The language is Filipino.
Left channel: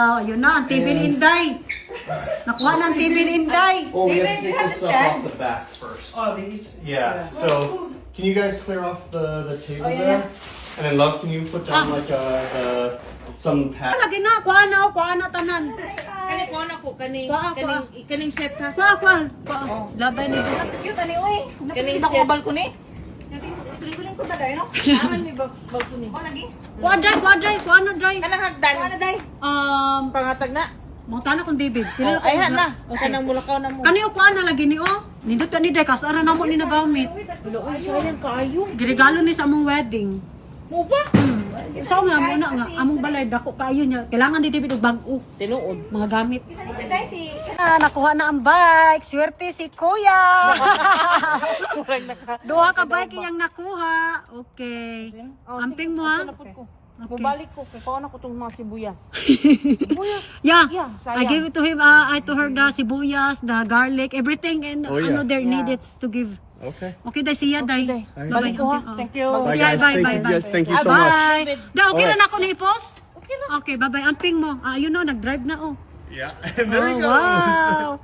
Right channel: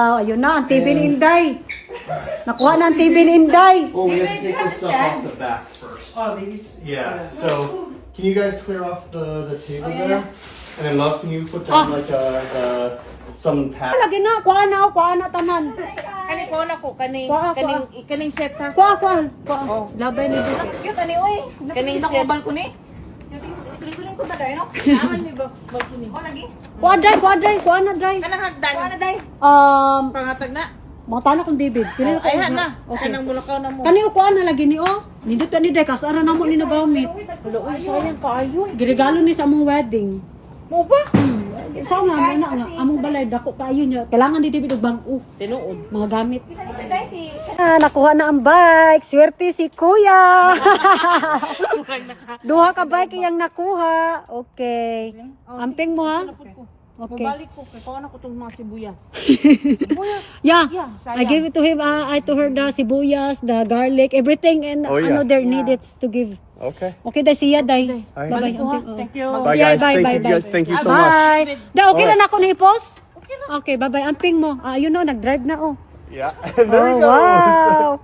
Ayun na, ang TV ni Inday. Nakuha na ang TV ni Inday. Well, we have to take this stuff off the back first. Oh, these? Yeah, so can you guys clear off the table there? And then, love, can you put down like some pad? Lagi na, kuha na tanan. Kani ko na ko, kaning set ha. Kuha. Labay ni Duke. Yung tali, uy. Kaning Nakita set. ko balkoni. Yung pelikula ko ba dahil, no? Aman ni balkoni. O, lagi. Kuha na, Day. Kanang hagdan. Ano, day? Pangatag na. Mga tanong kong David. Pili na Ay, ko na. Okay. Kanang mulakaw na mo. Kani kuha na lagi ni Nindot ni Day, kasara na mo ni nagamit. Wala, uy, sayang kaayo. Giregalo ni sa among wedding. Mo ba? Sa nga among balay dako kaayo niya. Kailangan ni David og bag-o, Tinuod. mga gamit. Isa ni si day, si... Nakuha na ang bike. Swerte si Kuya. Duha ka bike iyang nakuha. Okay. Amping mo ha? Okay. Mabalik ko, kaya kawan ako itong mga sibuyas. Sibuyas? Yeah. Yeah, I sayang. gave it to him. I to her the sibuyas, the garlic, everything, and Oh, yeah. ano there needed to give. Okay. Okay, day siya, day. Alright. Balik ko ha. Amping, Thank you. Bye, guys. Thank you, guys. Thank you so much. Bye. Da, okay Alright. na ako na i-post? Okay na. Okay, bye-bye. Amping mo. Yun o, nag-drive na oh. Yeah. There Oh, he goes. wow.